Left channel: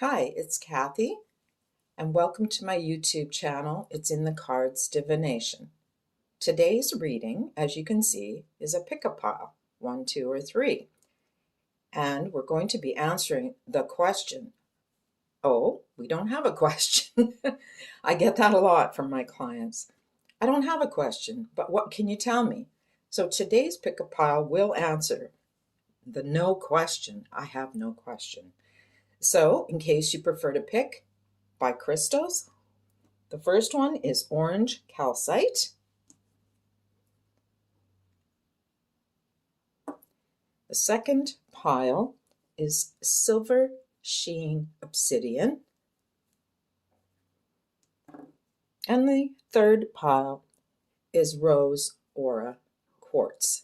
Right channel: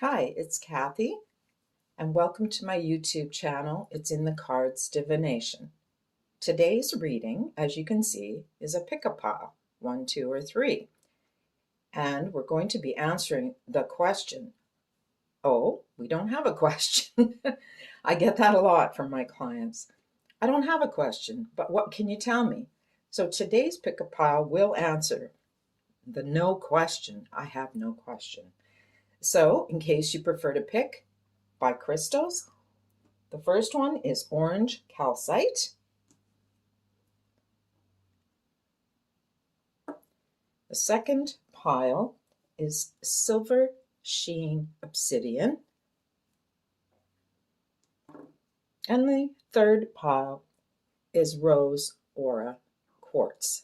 Hi, it's Kathy, and welcome to my YouTube channel. It's in the Cards Divination. Today's reading, as you can see, is a pick-a-pile, 1, 2, or 3. And we're going to be answering the question. Oh, we don't have a question. I get that a lot from my clients. I don't have a question, but what can you tell me? So today's pick-a-pile will answer the no question. I have no question. So, in case you prefer to pick by crystals, the first one is orange calcite. The second pile is silver sheen obsidian. And the third pile is rose aura quartz.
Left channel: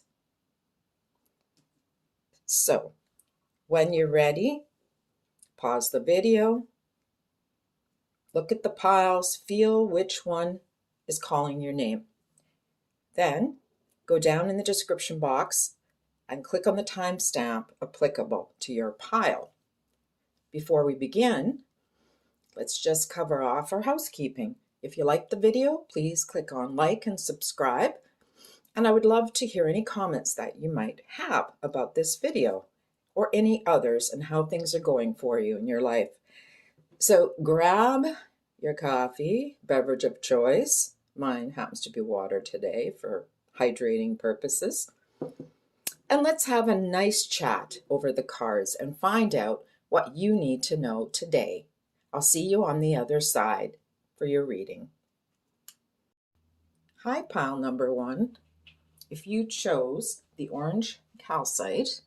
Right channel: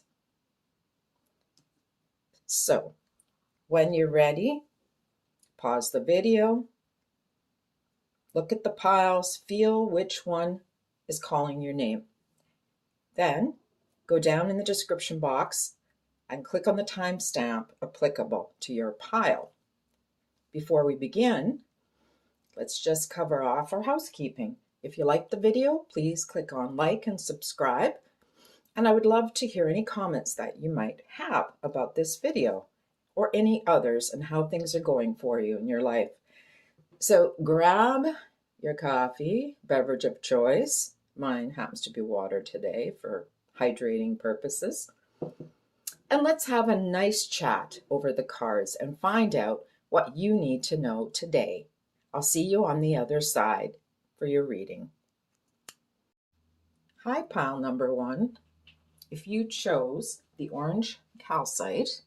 So, when you're ready, pause the video, look at the piles, feel which one is calling your name. Then go down in the description box and click on the timestamp applicable to your pile. Before we begin, let's just cover off our housekeeping. If you liked the video, please click on like and subscribe. And I would love to hear any comments that you might have about this video or any others and how things are going for you in your life. So grab your coffee, beverage of choice. Mine happens to be water today for hydrating purposes. And let's have a nice chat over the cards and find out what you need to know today. I'll see you on the other side for your reading. Hi, pile number 1. If you chose the orange calcite,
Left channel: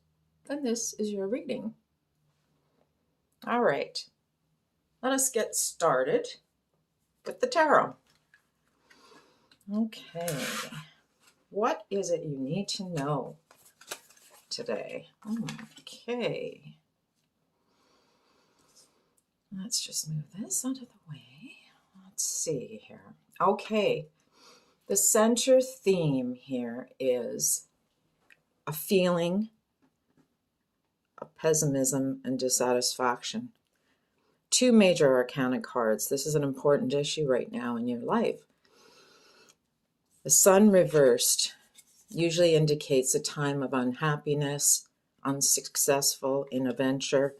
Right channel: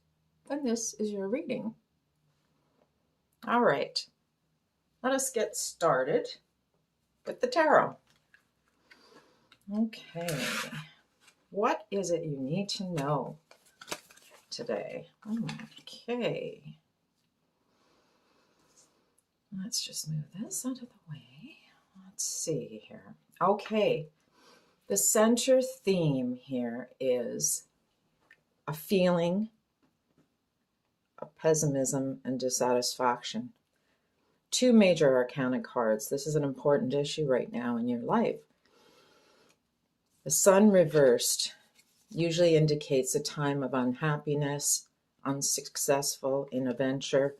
then this is your reading. All right, let us get started with the tarot. Okay, what is it you need to know today? Okay, let's just move this out of the way. Let's see here. Okay, the center theme here is a feeling of pessimism and dissatisfaction. 2 major arcana cards. This is an important issue right now in your life. The sun reversed usually indicates a time of unhappiness, unsuccessful in a venture,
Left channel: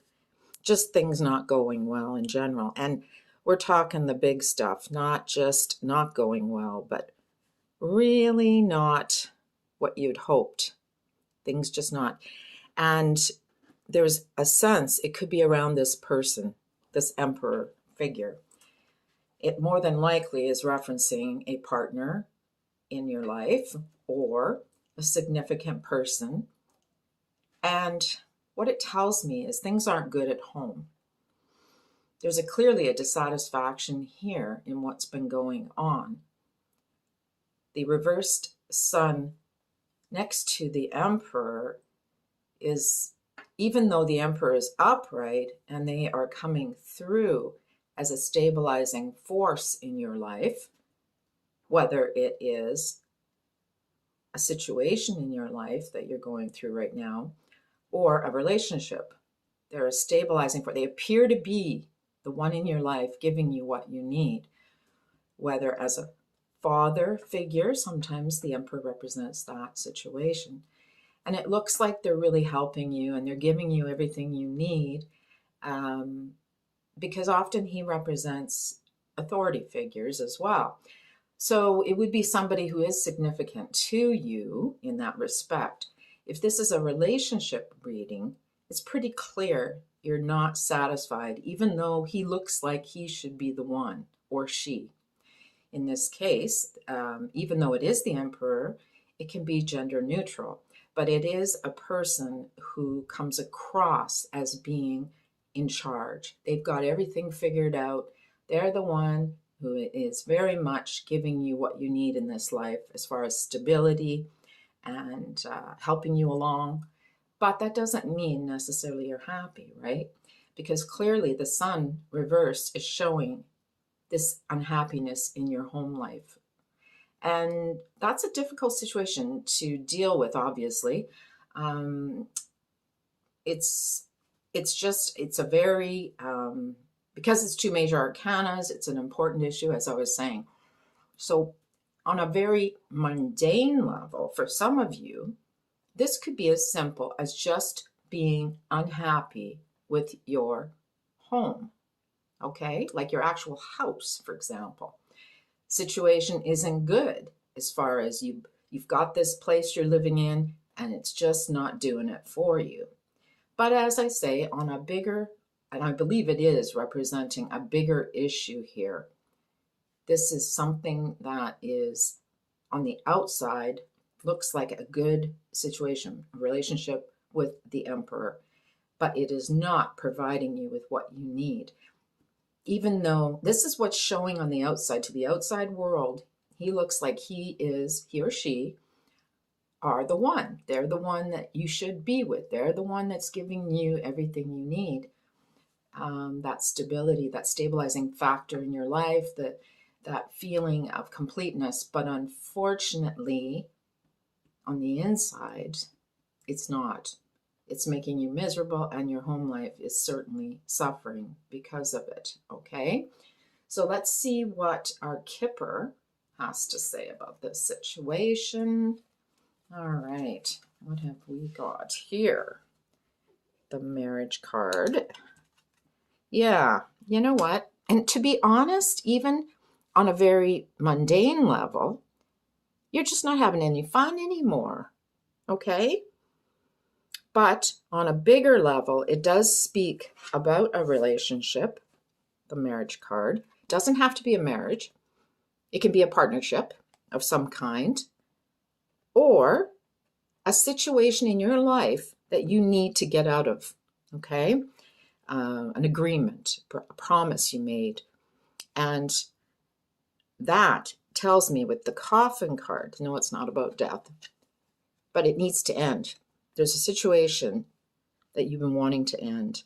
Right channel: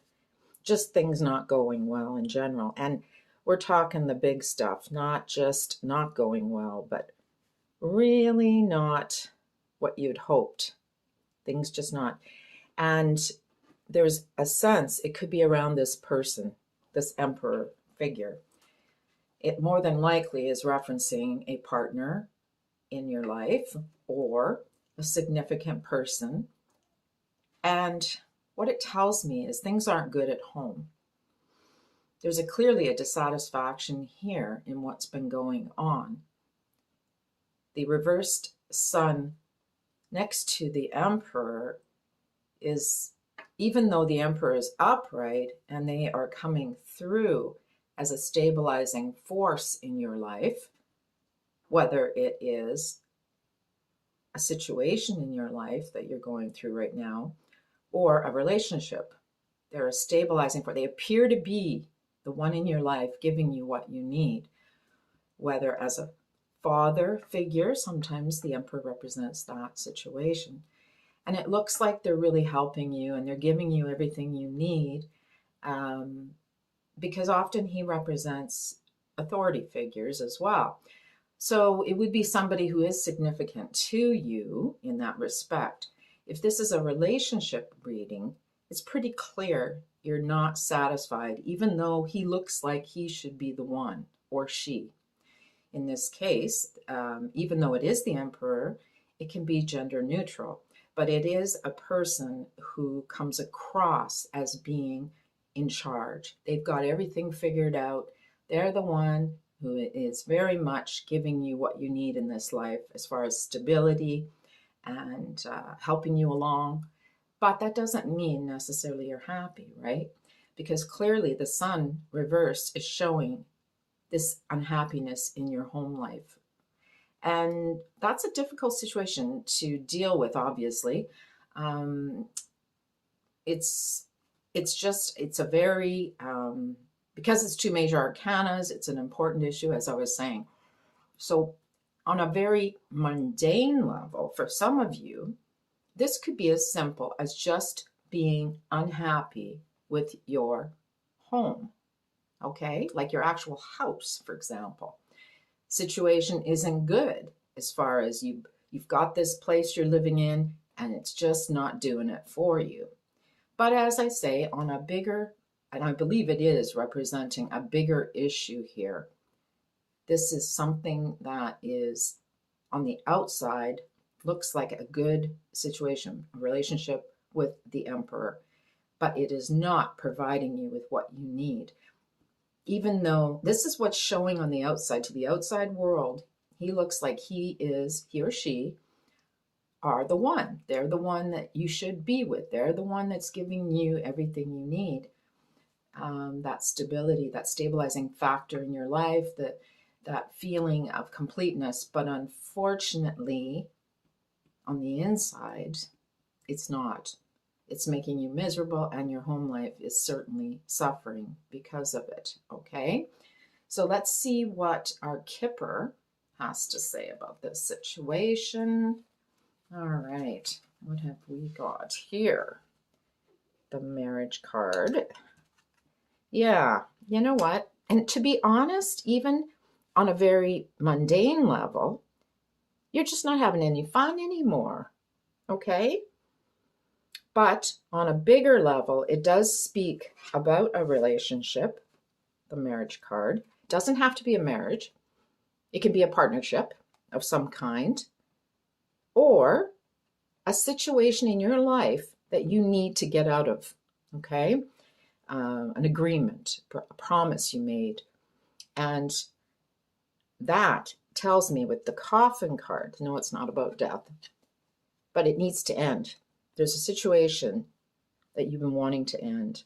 just things not going well in general. And we're talking the big stuff, not just not going well, but really not what you'd hoped. Things just not. And there's a sense it could be around this person, this emperor figure. It more than likely is referencing a partner in your life or a significant person. And what it tells me is things aren't good at home. There's clearly a dissatisfaction here in what's been going on. The reversed sun next to the emperor is, even though the emperor is upright and they are coming through as a stabilizing force in your life, whether it is a situation in your life that you're going through right now or a relationship, they're a stabilizing force. They appear to be the one in your life giving you what you need, whether as a father figure, sometimes the emperor represents that situation. And it looks like they're really helping you and they're giving you everything you need, because often he represents authority figures as well. So it would be somebody who is significant to you in that respect. If this is a relationship reading, it's pretty clear you're not satisfied, even though he looks like he should be the one or she. In this case, even though it is the emperor, it can be gender neutral. But it is a person who comes across as being in charge. They've got everything figured out. They're the one who is very much giving you what you need in this life as far as stability and helping you along. But that doesn't mean necessarily you're happy, right? Because clearly the sun reversed is showing this unhappiness in your home life. And that's a difficult situation to deal with, obviously. It's it's a very, because it's two major arcanas, it's an important issue, as I was saying. So on a very mundane level, for some of you, this could be as simple as just being unhappy with your home, okay? Like your actual house, for example. Situation isn't good as far as you've got this place you're living in and it's just not doing it for you. But as I say, on a bigger, and I believe it is representing a bigger issue here, this is something that is on the outside, looks like a good situation, a relationship with the emperor, but it is not providing you with what you need. Even though this is what's showing on the outside to the outside world, he looks like he or she are the one. They're the one that you should be with. They're the one that's giving you everything you need. That stability, that stabilizing factor in your life, that feeling of completeness. But unfortunately, on the inside, it's not. It's making you miserable, and your home life is certainly suffering because of it, okay? So let's see what our Kipper has to say about this situation. All right, what have we got here? The marriage card. Yeah, you know what? And to be honest, even on a very mundane level, you're just not having any fun anymore, okay? But on a bigger level, it does speak about a relationship, the marriage card. It doesn't have to be a marriage. It can be a partnership of some kind, or a situation in your life that you need to get out of, okay? An agreement, a promise you made. And that tells me with the coffin card, no, it's not about death, but it needs to end. There's a situation that you've been wanting to end,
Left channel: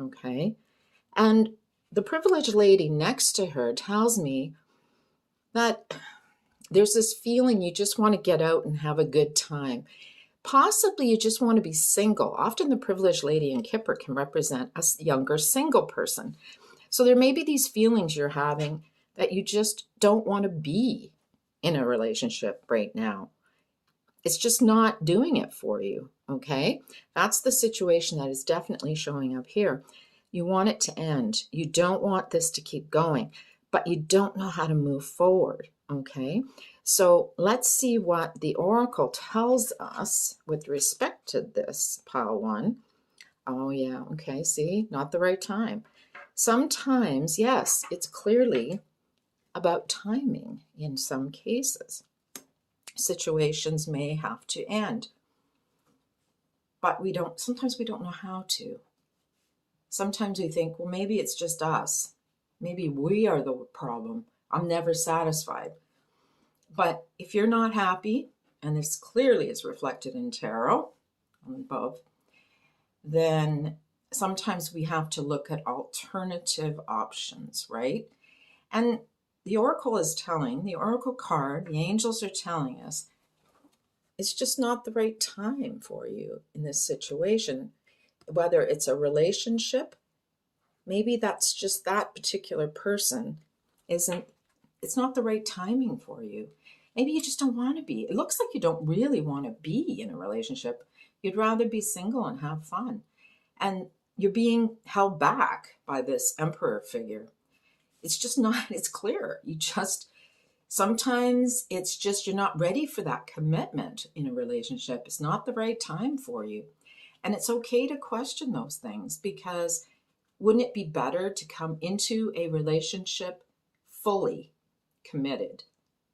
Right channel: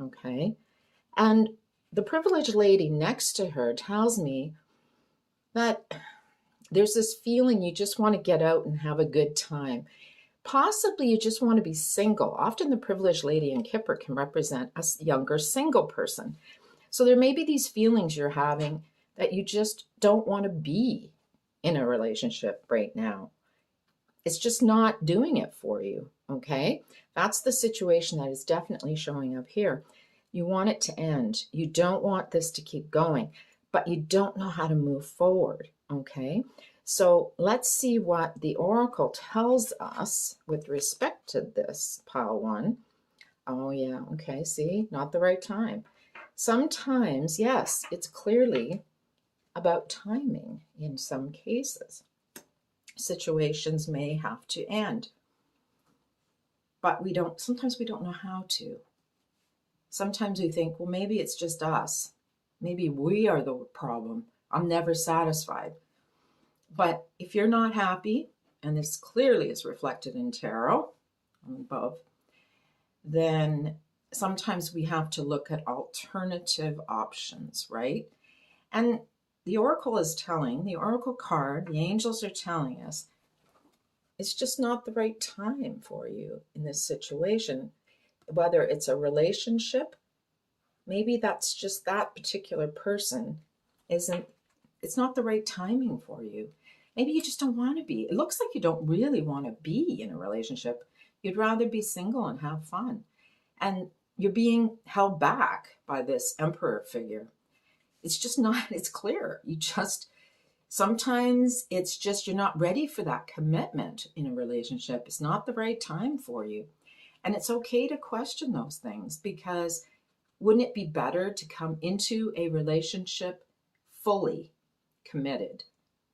okay? And the privileged lady next to her tells me that there's this feeling you just want to get out and have a good time. Possibly you just want to be single. Often the privileged lady in Kipper can represent a younger single person. So there may be these feelings you're having that you just don't want to be in a relationship right now. It's just not doing it for you, okay? That's the situation that is definitely showing up here. You want it to end. You don't want this to keep going, but you don't know how to move forward, okay? So let's see what the oracle tells us with respect to this, pile one. Oh yeah, okay, see, not the right time. Sometimes, yes, it's clearly about timing in some cases. Situations may have to end, but sometimes we don't know how to. Sometimes we think, well, maybe it's just us. Maybe we are the problem. I'm never satisfied. But if you're not happy, and this clearly is reflected in tarot above, then sometimes we have to look at alternative options, right? And the oracle card, the angels are telling us, it's just not the right time for you in this situation. Whether it's a relationship, maybe that's just that particular person it's not the right timing for you. Maybe you just don't want to be. It looks like you don't really want to be in a relationship. You'd rather be single and have fun. And you're being held back by this emperor figure. It's just not, it's clear. Sometimes it's just you're not ready for that commitment in a relationship. It's not the right time for you. And it's okay to question those things, because wouldn't it be better to come into a relationship fully committed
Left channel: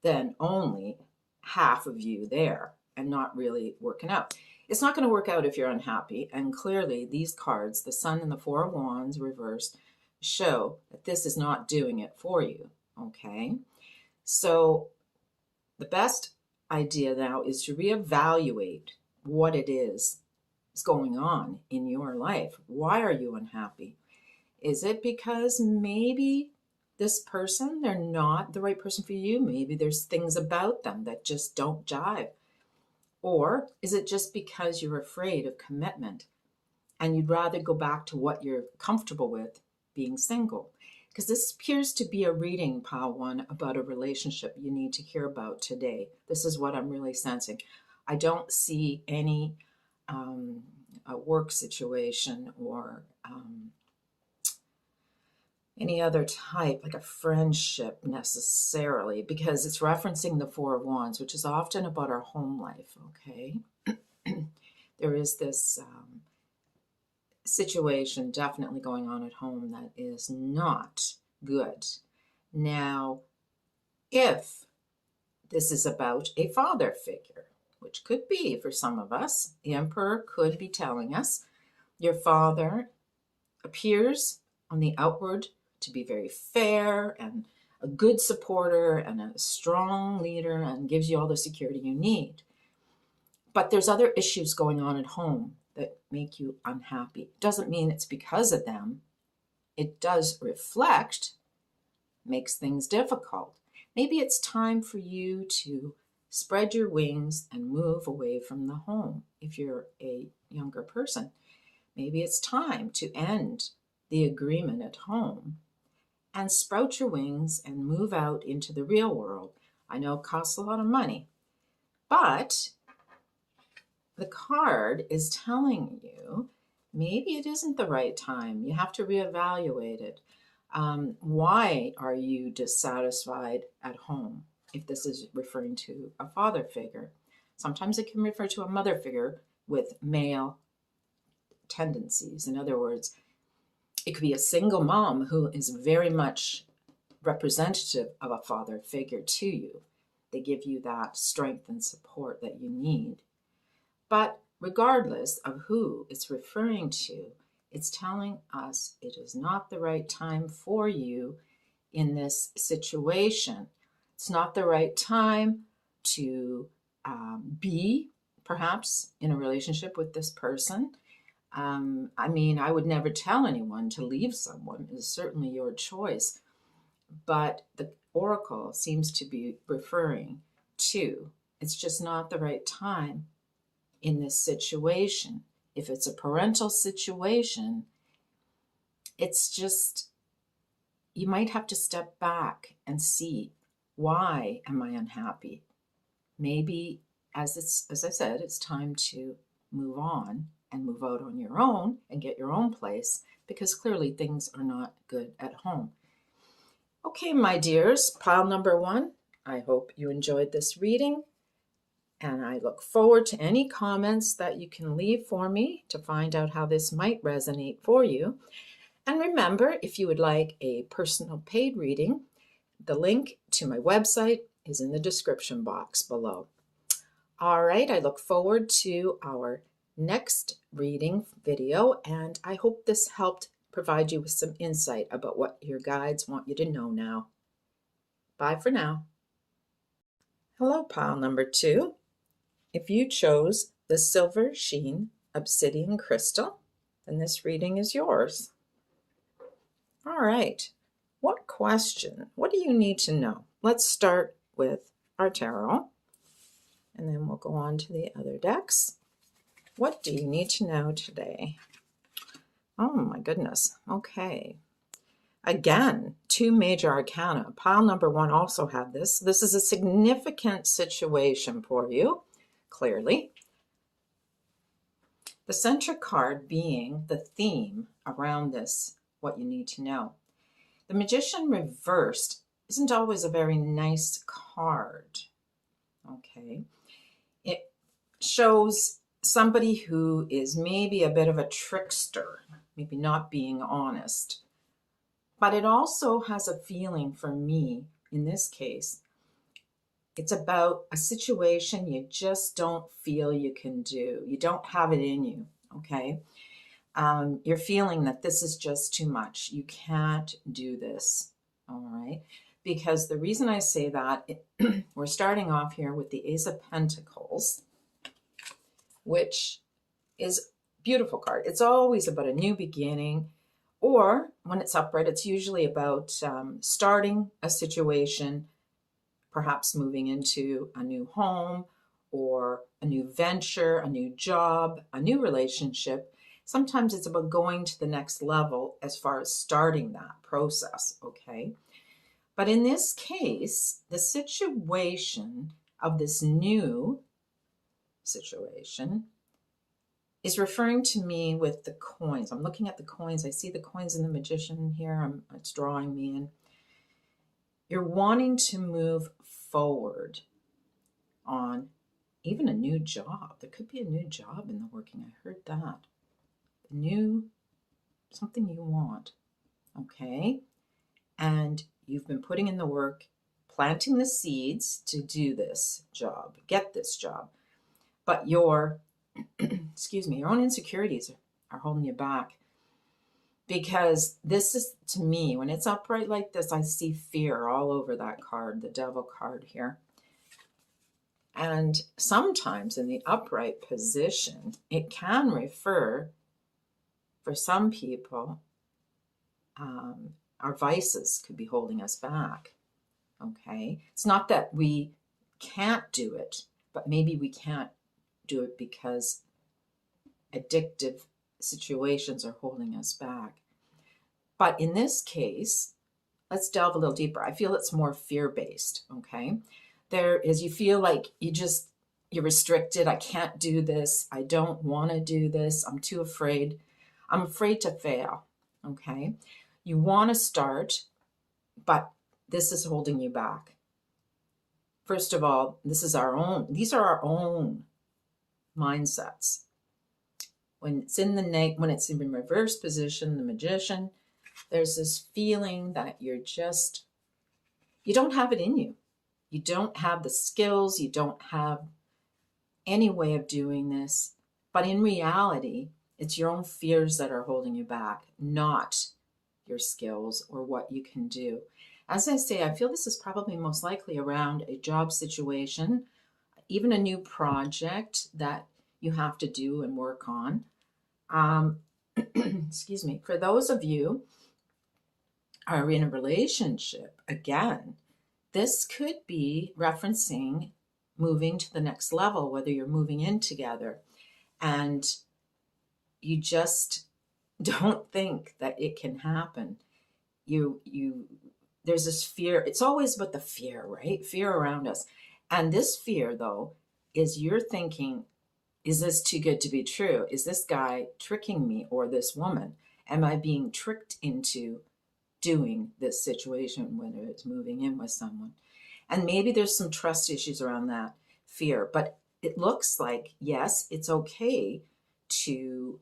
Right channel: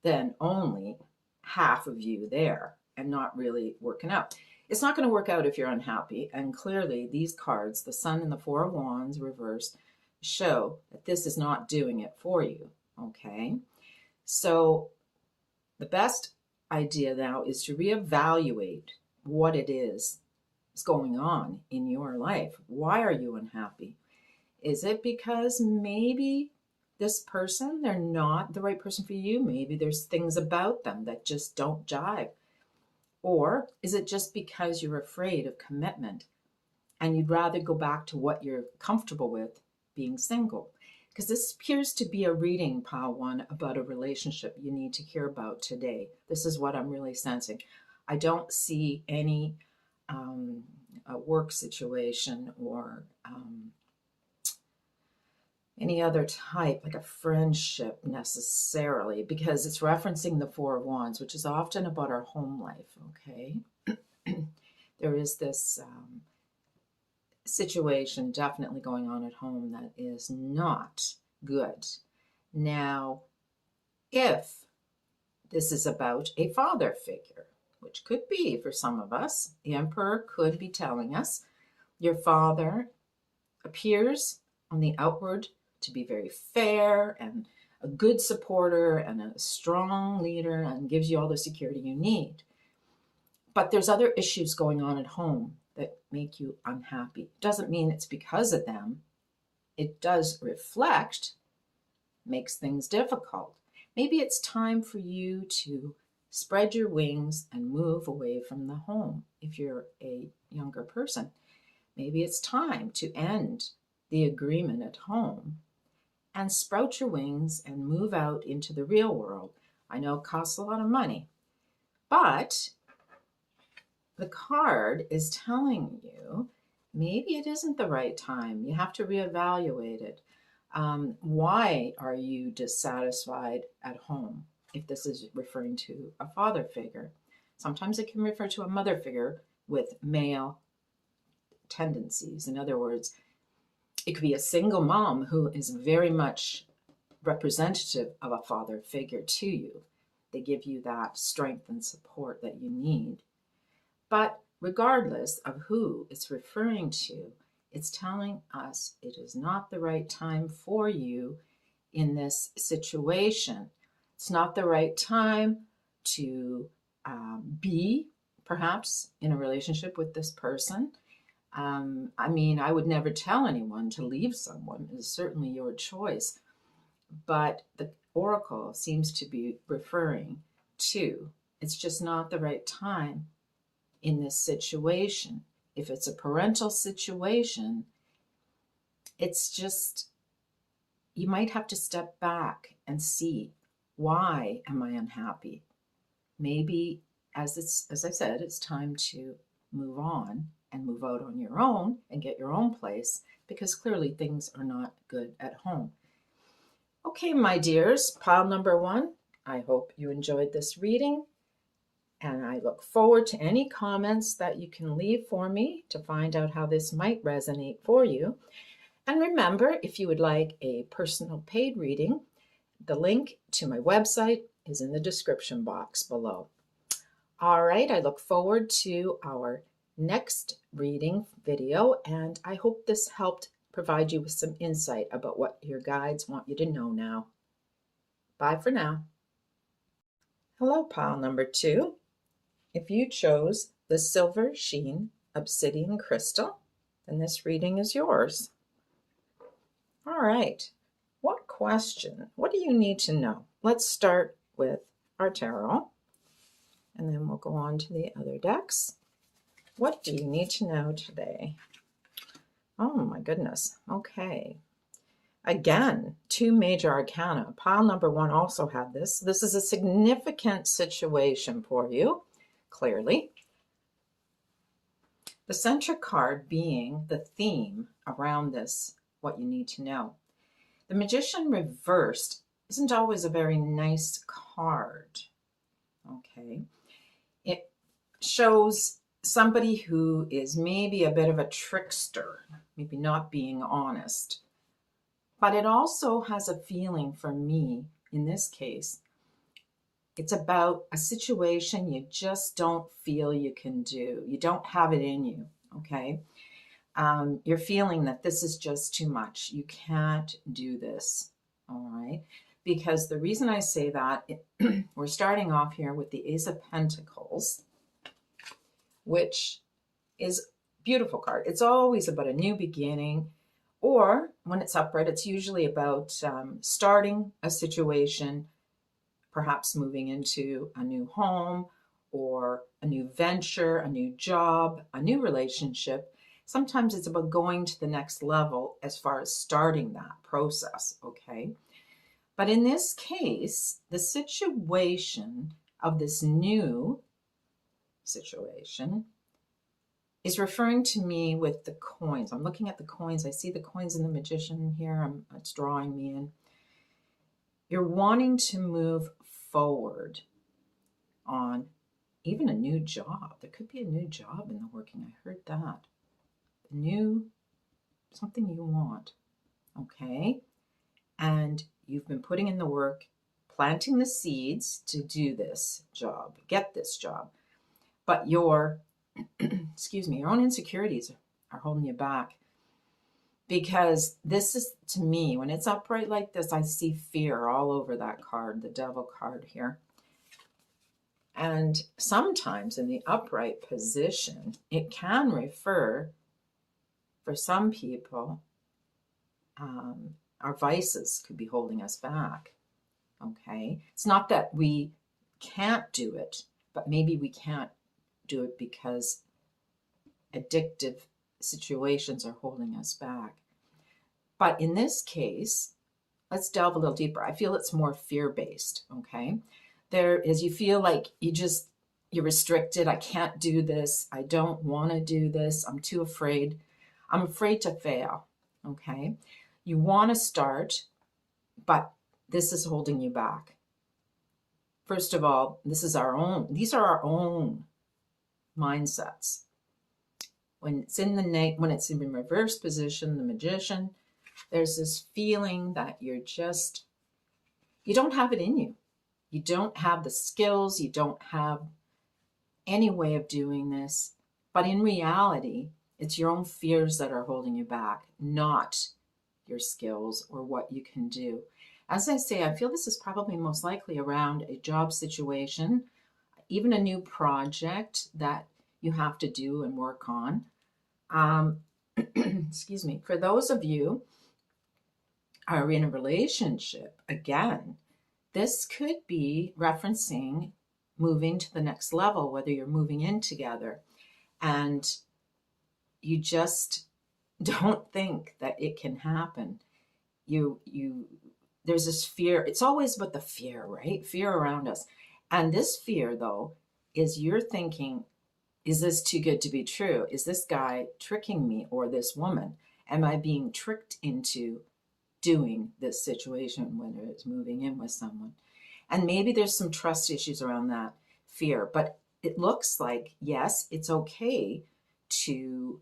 than only half of you there and not really working out? It's not going to work out if you're unhappy. And clearly these cards, the Sun and the Four of Wands reversed, show that this is not doing it for you, okay? So the best idea now is to reevaluate what it is going on in your life. Why are you unhappy? Is it because maybe this person, they're not the right person for you? Maybe there's things about them that just don't jive. Or is it just because you're afraid of commitment? and you'd rather go back to what you're comfortable with, being single. Because this appears to be a reading, Pile 1, about a relationship you need to hear about today. This is what I'm really sensing. I don't see any a work situation or any other type, like a friendship necessarily, because it's referencing the Four of Wands, which is often about our home life, okay? There is this situation definitely going on at home that is not good. Now, if this is about a father figure, which could be for some of us, the Emperor could be telling us, your father appears on the outward to be very fair and a good supporter and a strong leader and gives you all the security you need. But there's other issues going on at home that make you unhappy. Doesn't mean it's because of them. It does reflect, makes things difficult. Maybe it's time for you to spread your wings and move away from the home if you're a younger person. Maybe it's time to end the agreement at home and sprout your wings and move out into the real world. I know it costs a lot of money, but the card is telling you maybe it isn't the right time. You have to reevaluate it. Why are you dissatisfied at home? If this is referring to a father figure, sometimes it can refer to a mother figure with male tendencies. In other words, it could be a single mom who is very much representative of a father figure to you. They give you that strength and support that you need. But regardless of who it's referring to, it's telling us it is not the right time for you in this situation. It's not the right time to be perhaps in a relationship with this person. I mean, I would never tell anyone to leave someone. It is certainly your choice. But the oracle seems to be referring to it's just not the right time in this situation. If it's a parental situation, it's just, you might have to step back and see, why am I unhappy? Maybe, as I said, it's time to move on and move out on your own and get your own place, because clearly things are not good at home. Okay, my dears, pile number 1, I hope you enjoyed this reading, and I look forward to any comments that you can leave for me to find out how this might resonate for you. And remember, if you would like a personal paid reading, the link to my website is in the description box below. All right, I look forward to our next reading video, and I hope this helped provide you with some insight about what your guides want you to know now. Bye for now. Hello, pile number 2. If you chose the Silver Sheen Obsidian Crystal, then this reading is yours. All right, what question? What do you need to know? Let's start with our tarot, and then we'll go on to the other decks. What do you need to know today? Oh my goodness. Okay. Again, 2 major arcana. Pile number 1 also had this. This is a significant situation for you, clearly. The center card being the theme around this, what you need to know. The Magician reversed isn't always a very nice card. Okay. It shows somebody who is maybe a bit of a trickster, maybe not being honest. But it also has a feeling for me, in this case, it's about a situation you just don't feel you can do. You don't have it in you, okay? You're feeling that this is just too much. You can't do this, all right? Because the reason I say that, we're starting off here with the Ace of Pentacles, which is a beautiful card. It's always about a new beginning, or when it's upright, it's usually about starting a situation, perhaps moving into a new home or a new venture, a new job, a new relationship. Sometimes it's about going to the next level as far as starting that process, okay? But in this case, the situation of this new situation is referring to me with the coins. I'm looking at the coins. I see the coins in the magician here. It's drawing me in. You're wanting to move forward on even a new job. There could be a new job in the working. I heard that. Something you want, okay? And you've been putting in the work, planting the seeds to do this job, get this job. But your, your own insecurities are holding you back. Because this is, to me, when it's upright like this, I see fear all over that card, the devil card here. And sometimes in the upright position, it can refer, for some people, our vices could be holding us back, okay? It's not that we can't do it, but maybe we can't do it because addictive situations are holding us back. But in this case, let's delve a little deeper. I feel it's more fear-based, okay? There is, you feel like you're restricted. I can't do this. I don't want to do this. I'm too afraid. I'm afraid to fail, okay? You want to start, but this is holding you back. First of all, these are our own mindsets. When it's in reverse position, the magician, there's this feeling that you don't have it in you. You don't have the skills. You don't have any way of doing this. But in reality, it's your own fears that are holding you back, not your skills or what you can do. As I say, I feel this is probably most likely around a job situation, even a new project that you have to do and work on. Excuse me. For those of you who are in a relationship, again, this could be referencing moving to the next level, whether you're moving in together and you just don't think that it can happen. There's this fear. It's always about the fear, right? Fear around us. And this fear, though, is you're thinking, is this too good to be true? Is this guy tricking me, or this woman? Am I being tricked into doing this situation, whether it's moving in with someone? And maybe there's some trust issues around that fear. But it looks like, yes, it's okay to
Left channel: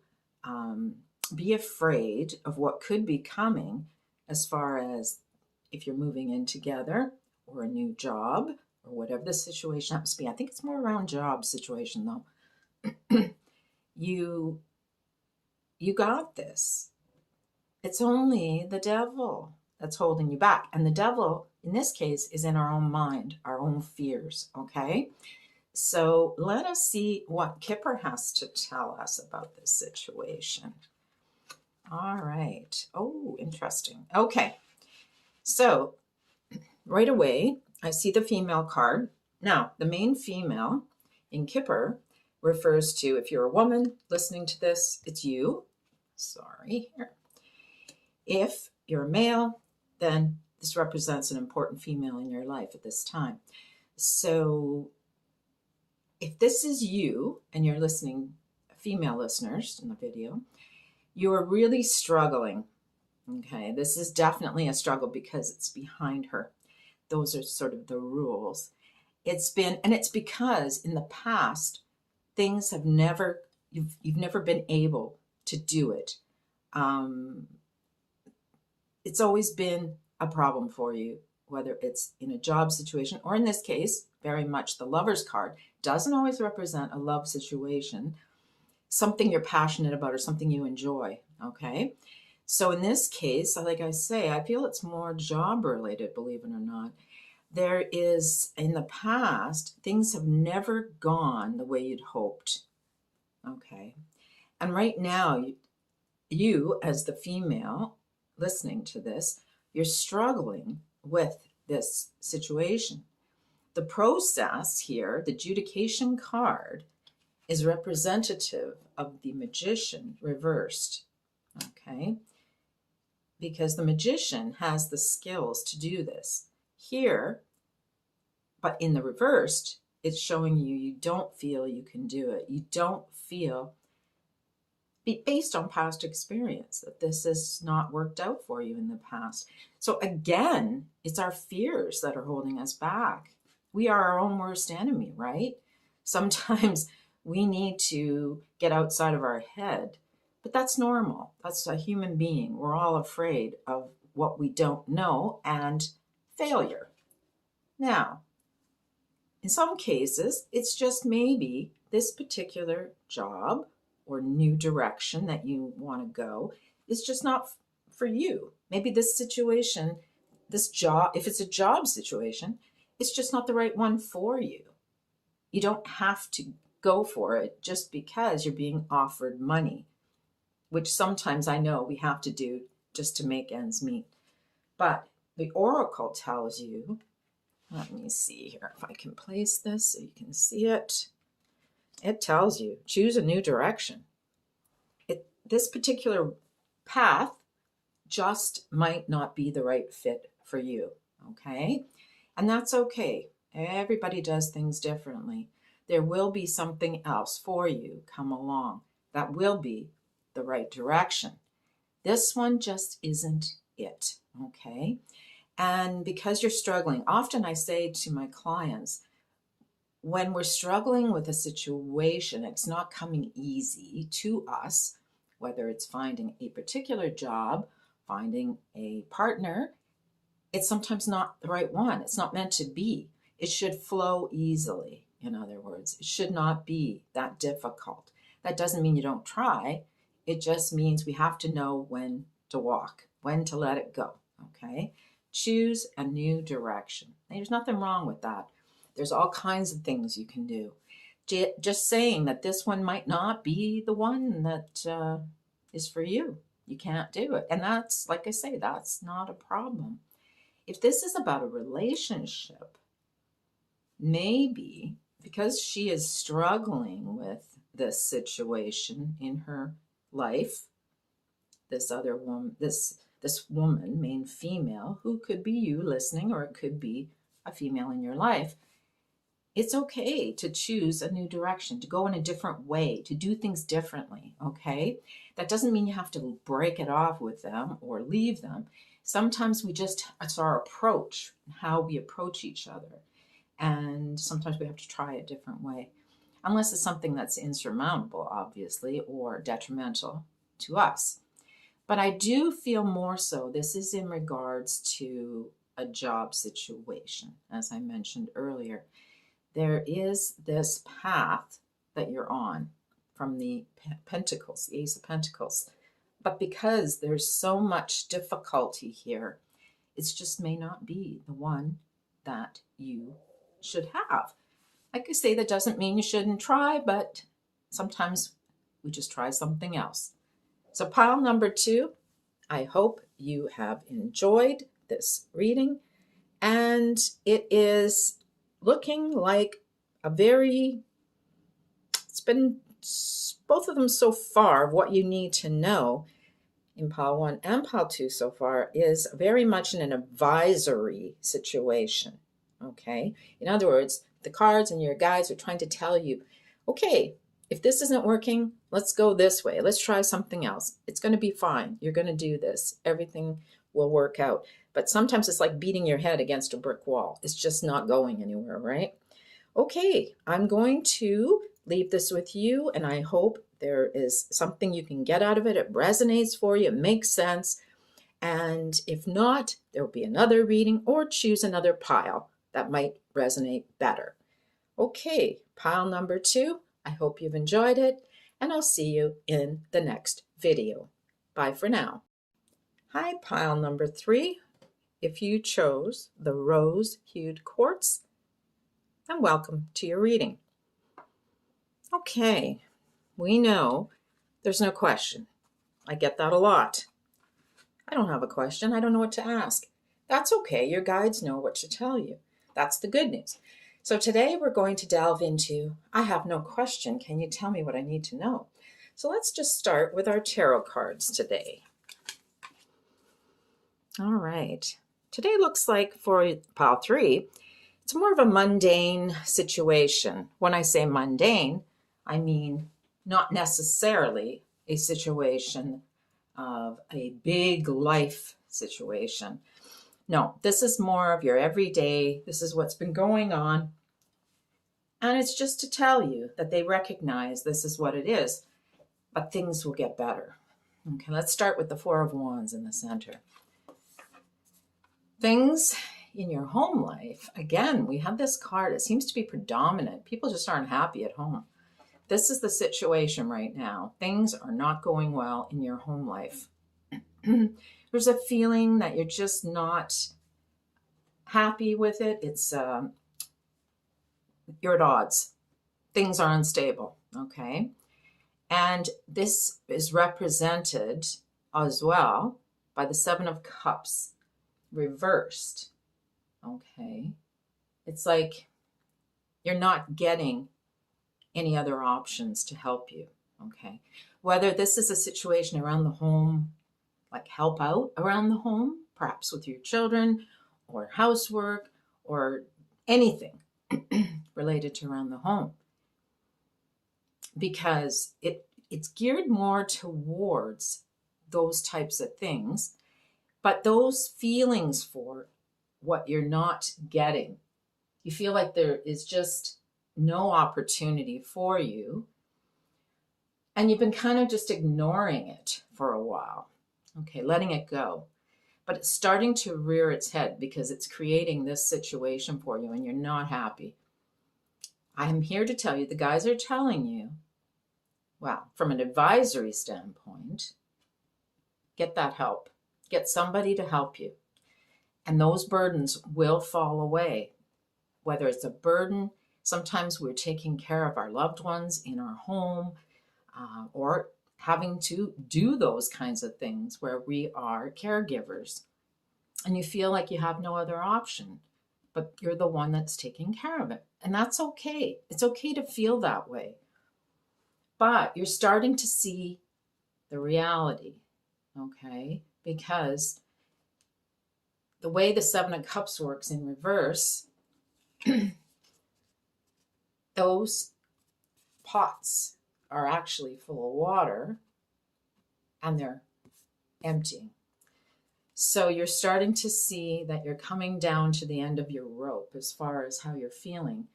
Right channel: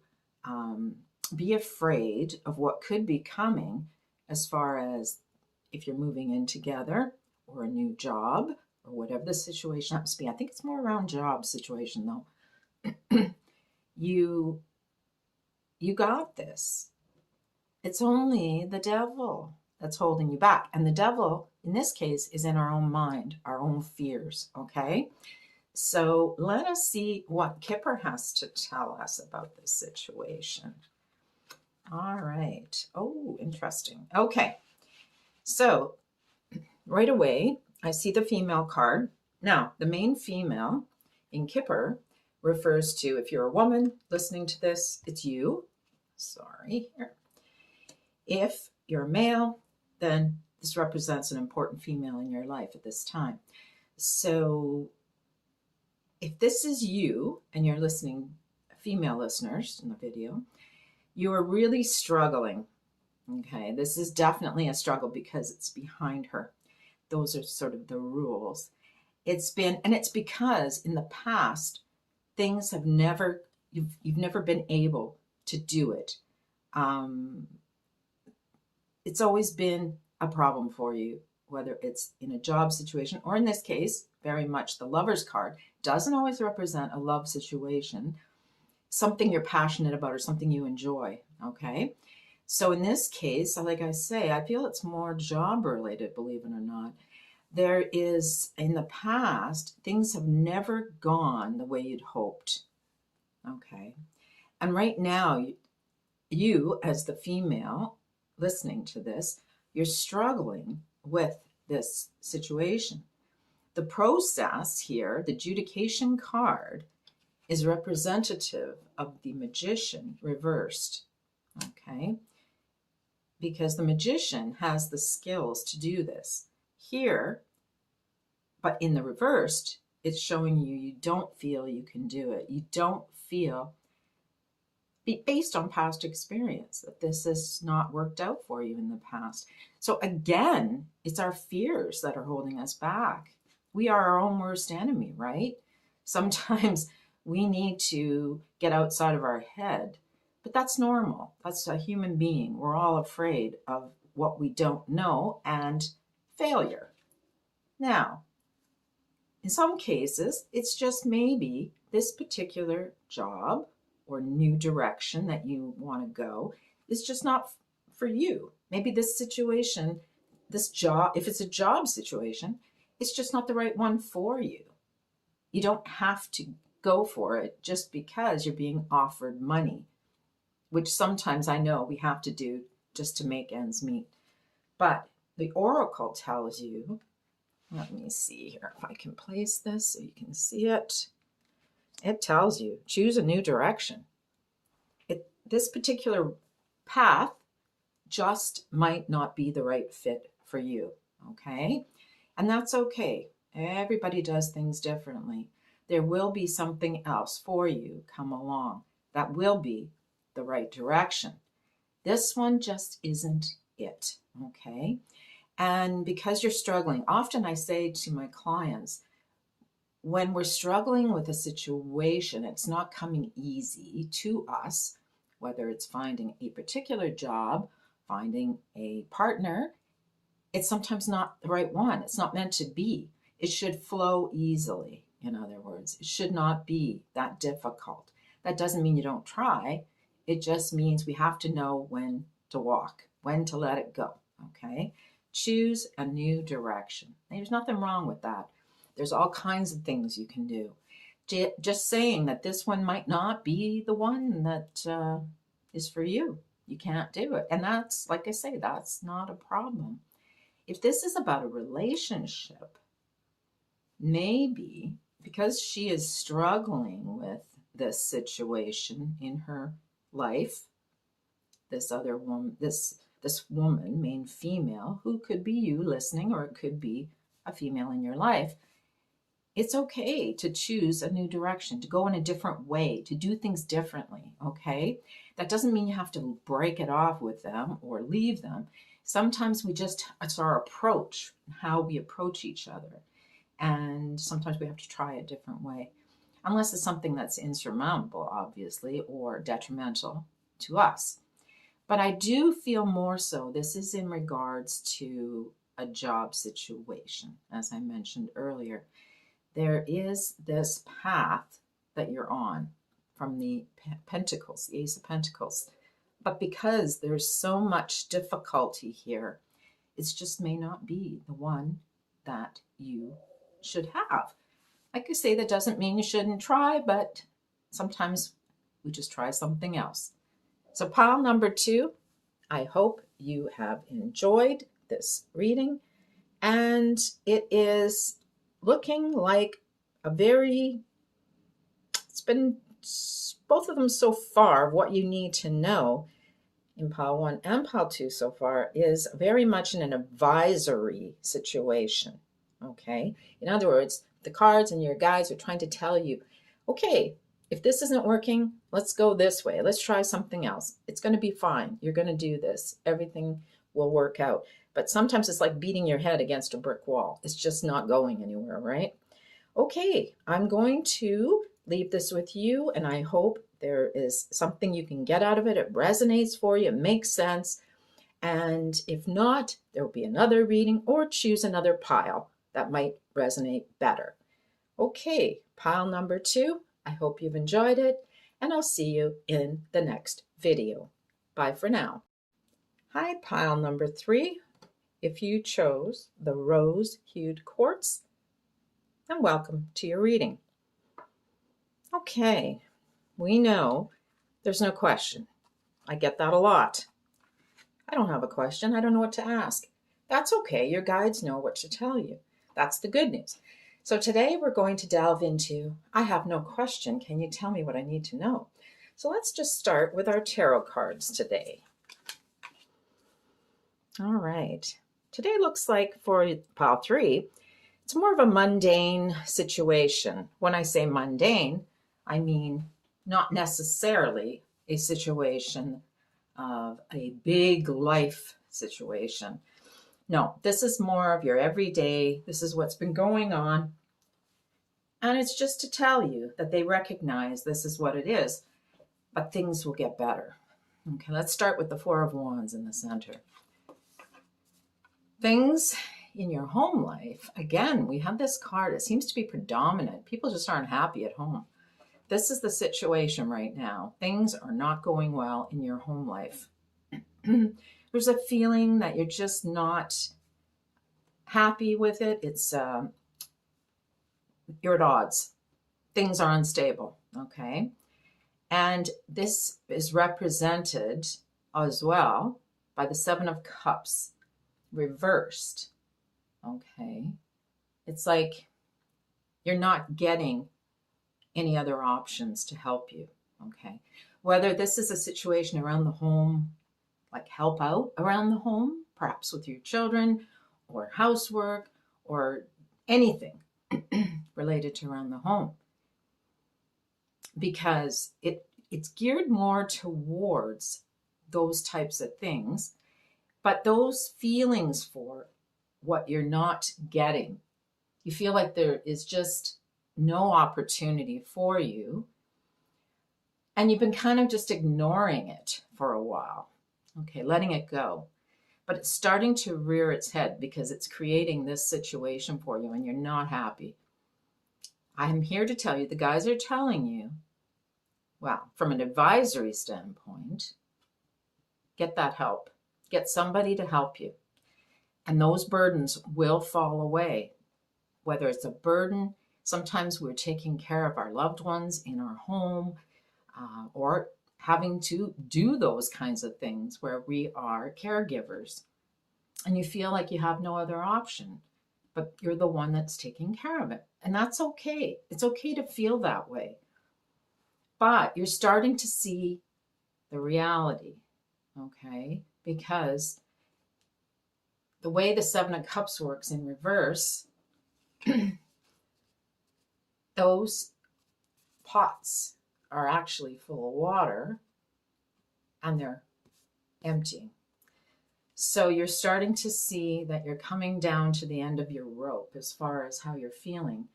be afraid of what could be coming, as far as if you're moving in together or a new job or whatever the situation happens to be. I think it's more around job situation, though. You got this. It's only the devil that's holding you back. And the devil, in this case, is in our own mind, our own fears, okay? So let us see what Kipper has to tell us about this situation. All right. Oh, interesting. Okay. So right away, I see the female card. Now, the main female in Kipper refers to, if you're a woman listening to this, it's you. Sorry. If you're a male, then this represents an important female in your life at this time. So if this is you and you're listening, female listeners in the video, you are really struggling. Okay, this is definitely a struggle because it's behind her. Those are sort of the rules. It's because in the past, things have you've never been able to do it. It's always been a problem for you, whether it's in a job situation, or in this case, very much the Lover's card doesn't always represent a love situation, something you're passionate about or something you enjoy, okay? So in this case, like I say, I feel it's more job related, believe it or not. There is, in the past, things have never gone the way you'd hoped, okay? And right now, you as the female listening to this, you're struggling with this situation. The process here, the adjudication card, is representative of the magician reversed, okay? Because the magician has the skills to do this. Here, but in the reversed, it's showing you don't feel you can do it. You don't feel, based on past experience, that this has not worked out for you in the past. So again, it's our fears that are holding us back. We are our own worst enemy, right? Sometimes we need to get outside of our head, but that's normal. That's a human being. We're all afraid of what we don't know and failure. Now, in some cases, it's just maybe this particular job or new direction that you want to go is just not for you. Maybe this situation, this job, if it's a job situation, it's just not the right one for you. You don't have to go for it just because you're being offered money, which sometimes I know we have to do just to make ends meet. But the oracle tells you, let me see here if I can place this so you can see it. It tells you, choose a new direction. This particular path just might not be the right fit for you, okay? And that's okay. Everybody does things differently. There will be something else for you come along that will be the right direction. This one just isn't it, okay? And because you're struggling, often I say to my clients, when we're struggling with a situation, it's not coming easy to us, whether it's finding a particular job, finding a partner, it's sometimes not the right one. It's not meant to be. It should flow easily. In other words, it should not be that difficult. That doesn't mean you don't try. It just means we have to know when to walk, when to let it go, okay? Choose a new direction. There's nothing wrong with that. There's all kinds of things you can do. Just saying that this one might not be the one that is for you. You can't do it. And that's, like I say, that's not a problem. If this is about a relationship, maybe because she is struggling with this situation in her life, this other woman, this woman, main female, who could be you listening, or it could be a female in your life, it's okay to choose a new direction, to go in a different way, to do things differently, okay? That doesn't mean you have to break it off with them or leave them. Sometimes it's our approach, how we approach each other. And sometimes we have to try a different way, unless it's something that's insurmountable, obviously, or detrimental to us. But I do feel more so, this is in regards to a job situation, as I mentioned earlier. There is this path that you're on from the Pentacles, the Ace of Pentacles. But because there's so much difficulty here, it just may not be the one that you should have. Like I say, that doesn't mean you shouldn't try, but sometimes we just try something else. So pile number 2, I hope you have enjoyed this reading, and it is looking like it's been both of them so far. What you need to know in pile 1 and pile 2 so far is very much in an advisory situation, okay? In other words, the cards and your guides are trying to tell you, okay, if this isn't working, let's go this way. Let's try something else. It's going to be fine. You're going to do this. Everything will work out. But sometimes it's like beating your head against a brick wall. It's just not going anywhere, right? Okay, I'm going to leave this with you, and I hope there is something you can get out of it. It resonates for you. It makes sense. And if not, there will be another reading, or choose another pile that might resonate better. Okay, pile number 2. I hope you've enjoyed it, and I'll see you in the next video. Bye for now. Hi, pile number 3. If you chose the rose-hued quartz, then welcome to your reading. Okay, we know there's no question. I get that a lot. I don't have a question. I don't know what to ask. That's okay. Your guides know what to tell you. That's the good news. So today we're going to delve into, I have no question, can you tell me what I need to know? So let's just start with our tarot cards today. All right. Today looks like for pile 3, it's more of a mundane situation. When I say mundane, I mean not necessarily a situation of a big life situation. No, this is more of your everyday, this is what's been going on. And it's just to tell you that they recognize this is what it is, but things will get better. Okay, let's start with the Four of Wands in the center. Things in your home life, again, we have this card. It seems to be predominant. People just aren't happy at home. This is the situation right now. Things are not going well in your home life. There's a feeling that you're just not happy with it. It's you're at odds. Things are unstable, okay? And this is represented as well by the Seven of Cups reversed, okay? It's like you're not getting any other options to help you, okay? Whether this is a situation around the home, like help out around the home, perhaps with your children or housework or anything related to around the home, because it's geared more towards those types of things, but those feelings for what you're not getting, you feel like there is just no opportunity for you, and you've been kind of just ignoring it for a while, okay, letting it go. But it's starting to rear its head because it's creating this situation for you and you're not happy. I am here to tell you, the guys are telling you, well, from an advisory standpoint, get that help. Get somebody to help you. And those burdens will fall away. Whether it's a burden, sometimes we're taking care of our loved ones in our home, or having to do those kinds of things where we are caregivers. And you feel like you have no other option, but you're the one that's taking care of it. And that's okay. It's okay to feel that way. But you're starting to see the reality, okay? Because the way the Seven of Cups works in reverse, those pots are actually full of water and they're empty. So you're starting to see that you're coming down to the end of your rope as far as how you're feeling.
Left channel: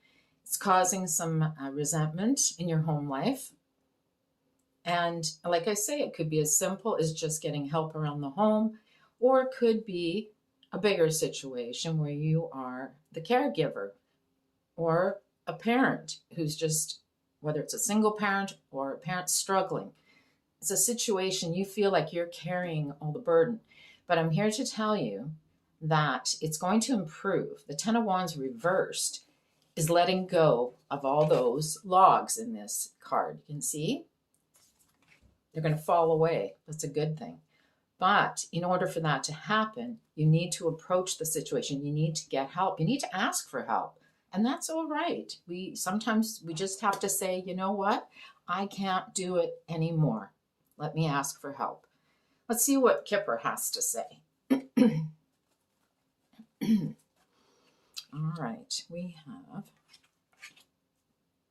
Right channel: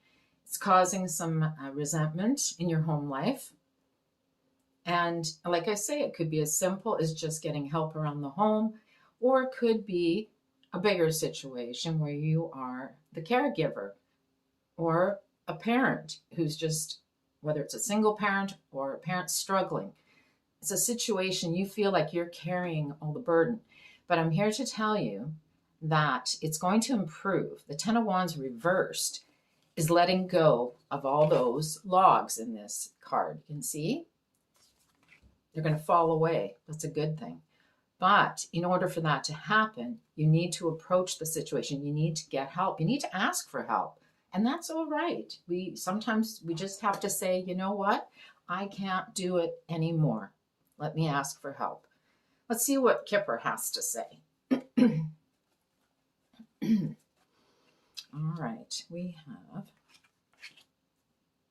It's causing some resentment in your home life. And like I say, it could be as simple as just getting help around the home, or it could be a bigger situation where you are the caregiver or a parent who's just, whether it's a single parent or a parent struggling. It's a situation you feel like you're carrying all the burden. But I'm here to tell you that it's going to improve. The Ten of Wands reversed is letting go of all those logs in this card. You can see they're going to fall away. That's a good thing. But in order for that to happen, you need to approach the situation. You need to get help. You need to ask for help. And that's all right. Sometimes we just have to say, you know what? I can't do it anymore. Let me ask for help. Let's see what Kipper has to say. All right, we have,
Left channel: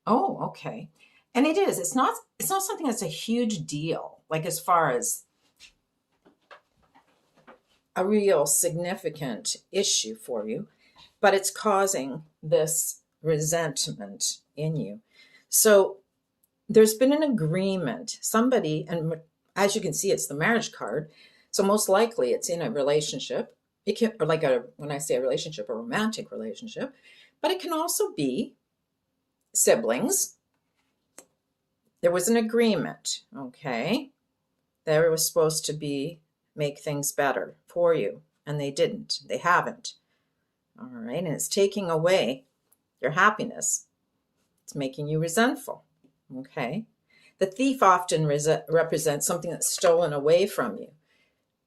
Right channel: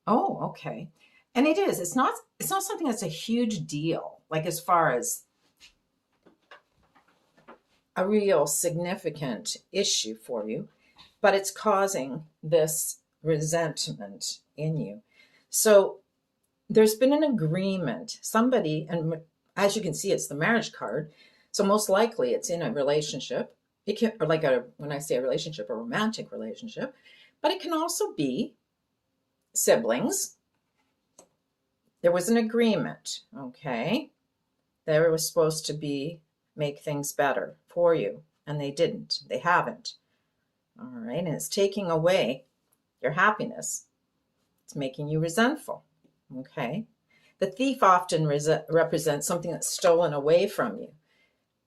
oh, okay. And it is, it's not something that's a huge deal, like as far as a real significant issue for you, but it's causing this resentment in you. So there's been an agreement, somebody, and as you can see, it's the marriage card. So most likely it's in a relationship. It can, or like when I say a relationship, a romantic relationship, but it can also be siblings. There was an agreement, okay? There was supposed to be make things better for you, and they didn't. They haven't. All right, and it's taking away your happiness. It's making you resentful, okay? The thief often represents something that's stolen away from you,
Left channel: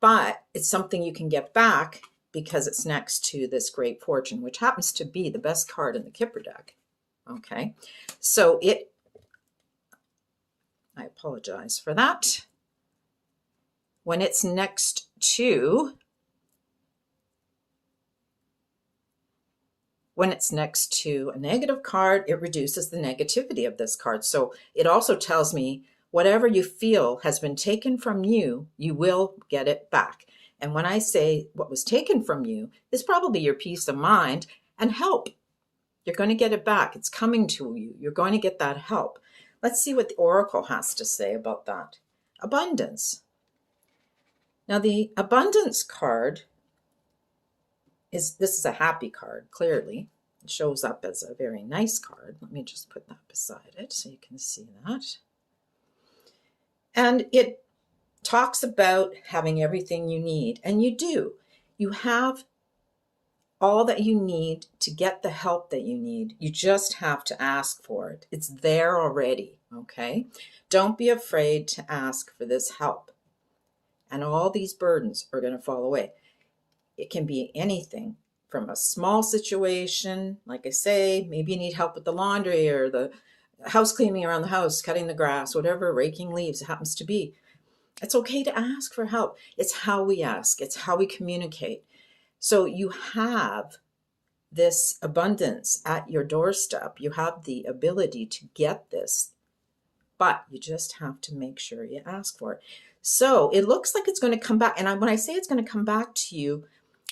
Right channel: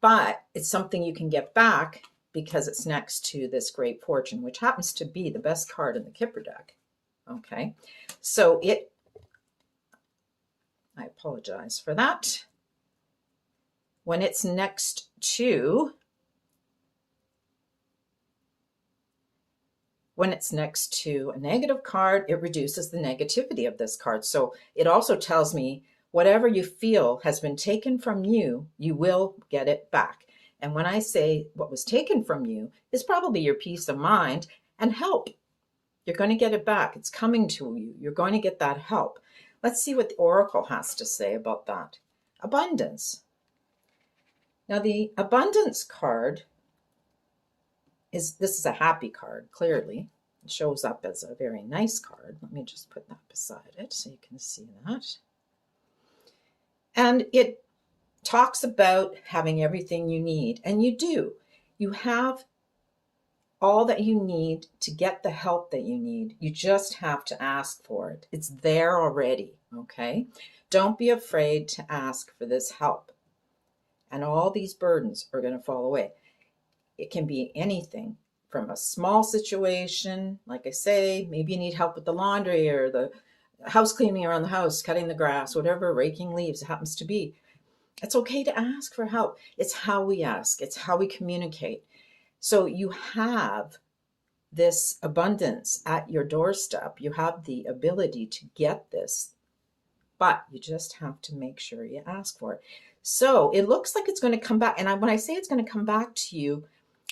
but it's something you can get back because it's next to this Great Fortune, which happens to be the best card in the Kipper deck. Okay, so I apologize for that. When it's next to a negative card, it reduces the negativity of this card. So it also tells me whatever you feel has been taken from you, you will get it back. And when I say what was taken from you is probably your peace of mind and help. You're going to get it back. It's coming to you. You're going to get that help. Let's see what the Oracle has to say about that. Abundance. Now the abundance card this is a happy card, clearly. It shows up as a very nice card. Let me just put that beside it so you can see that. And it talks about having everything you need, and you do. You have all that you need to get the help that you need. You just have to ask for it. It's there already, okay? Don't be afraid to ask for this help. And all these burdens are going to fall away. It can be anything from a small situation, like I say, maybe you need help with the laundry or the house cleaning around the house, cutting the grass, whatever, raking leaves it happens to be. It's okay to ask for help. It's how we ask. It's how we communicate. So you have this abundance at your doorstep. You have the ability to get this, but you just have to make sure you ask for it. So it looks like it's going to come back. And when I say it's going to come back to you,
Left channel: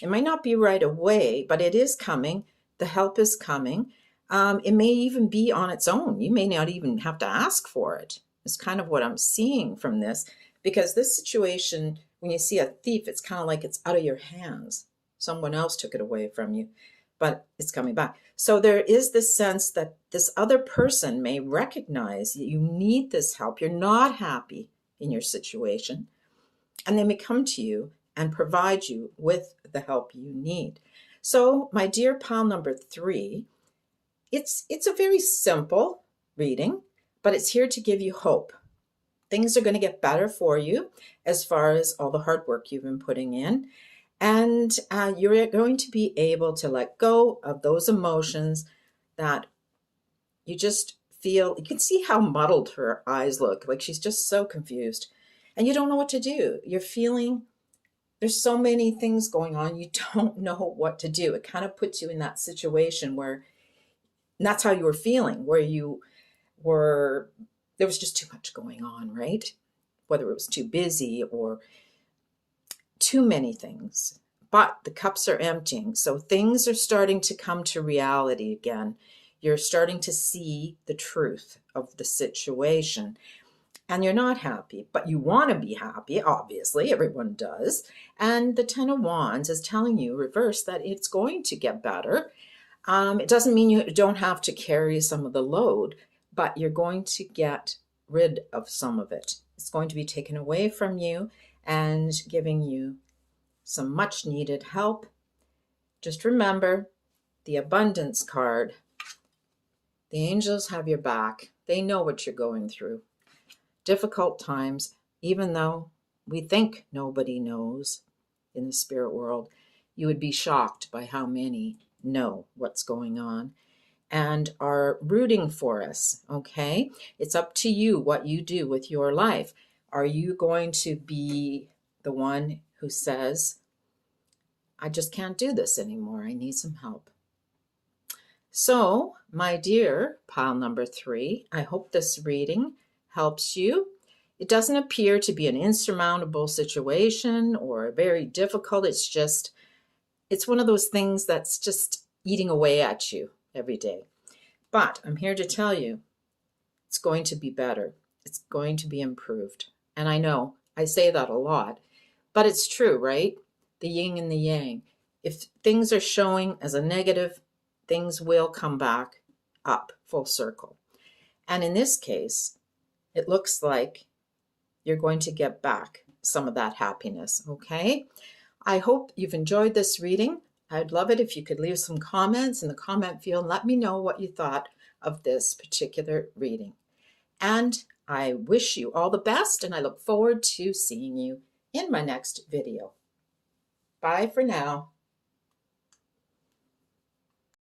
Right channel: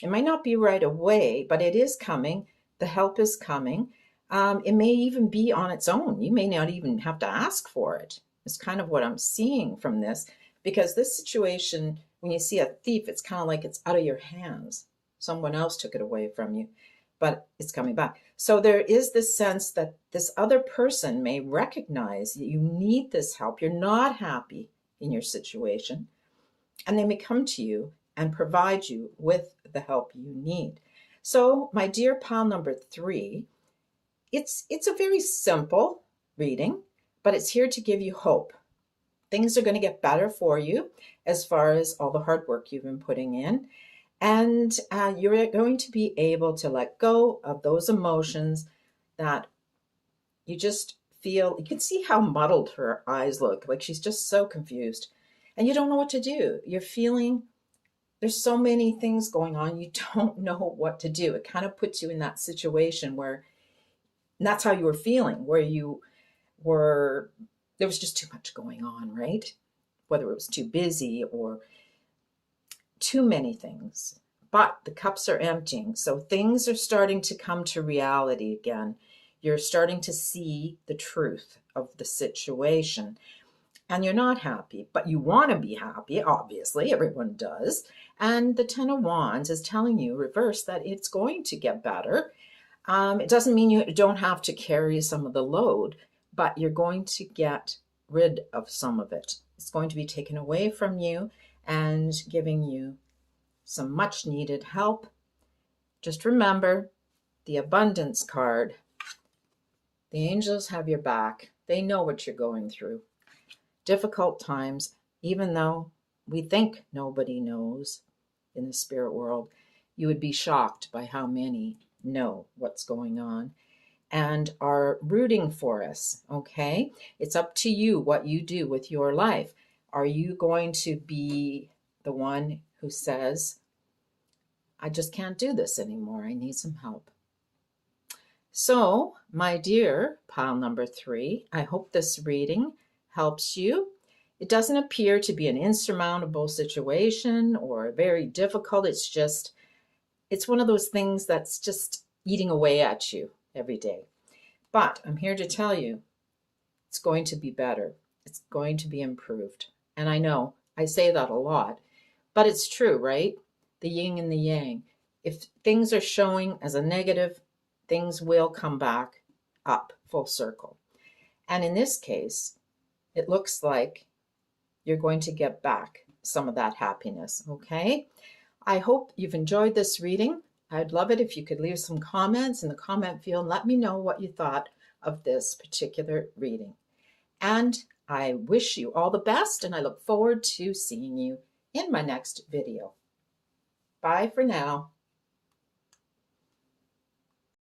it might not be right away, but it is coming. The help is coming. It may even be on its own. You may not even have to ask for it. It's kind of what I'm seeing from this, because this situation, when you see a thief, it's kind of like it's out of your hands. Someone else took it away from you, but it's coming back. So there is this sense that this other person may recognize that you need this help. You're not happy in your situation, and they may come to you and provide you with the help you need. So my dear pile number 3, it's a very simple reading, but it's here to give you hope. Things are going to get better for you as far as all the hard work you've been putting in. And you're going to be able to let go of those emotions that you just feel. You can see how muddled her eyes look, like she's just so confused. And you don't know what to do. You're feeling there's so many things going on. You don't know what to do. It kind of puts you in that situation where that's how you were feeling, where you were, there was just too much going on, right? Whether it was too busy or too many things. But the cups are emptying. So things are starting to come to reality again. You're starting to see the truth of the situation. And you're not happy, but you want to be happy, obviously, everyone does. And the Ten of Wands is telling you, reverse, that it's going to get better. It doesn't mean you don't have to carry some of the load, but you're going to get rid of some of it. It's going to be taken away from you and giving you some much needed help. Just remember the abundance card. The angels have your back. They know what you're going through. Difficult times, even though we think nobody knows in the spirit world, you would be shocked by how many know what's going on and are rooting for us, okay? It's up to you what you do with your life. Are you going to be the one who says, I just can't do this anymore, I need some help? So, my dear pile number 3, I hope this reading helps you. It doesn't appear to be an insurmountable situation or very difficult. It's one of those things that's just eating away at you every day. But I'm here to tell you, it's going to be better. It's going to be improved. And I know I say that a lot, but it's true, right? The yin and the yang. If things are showing as a negative, things will come back up full circle. And in this case, it looks like you're going to get back some of that happiness, okay? I hope you've enjoyed this reading. I'd love it if you could leave some comments in the comment field and let me know what you thought of this particular reading. And I wish you all the best, and I look forward to seeing you in my next video. Bye for now.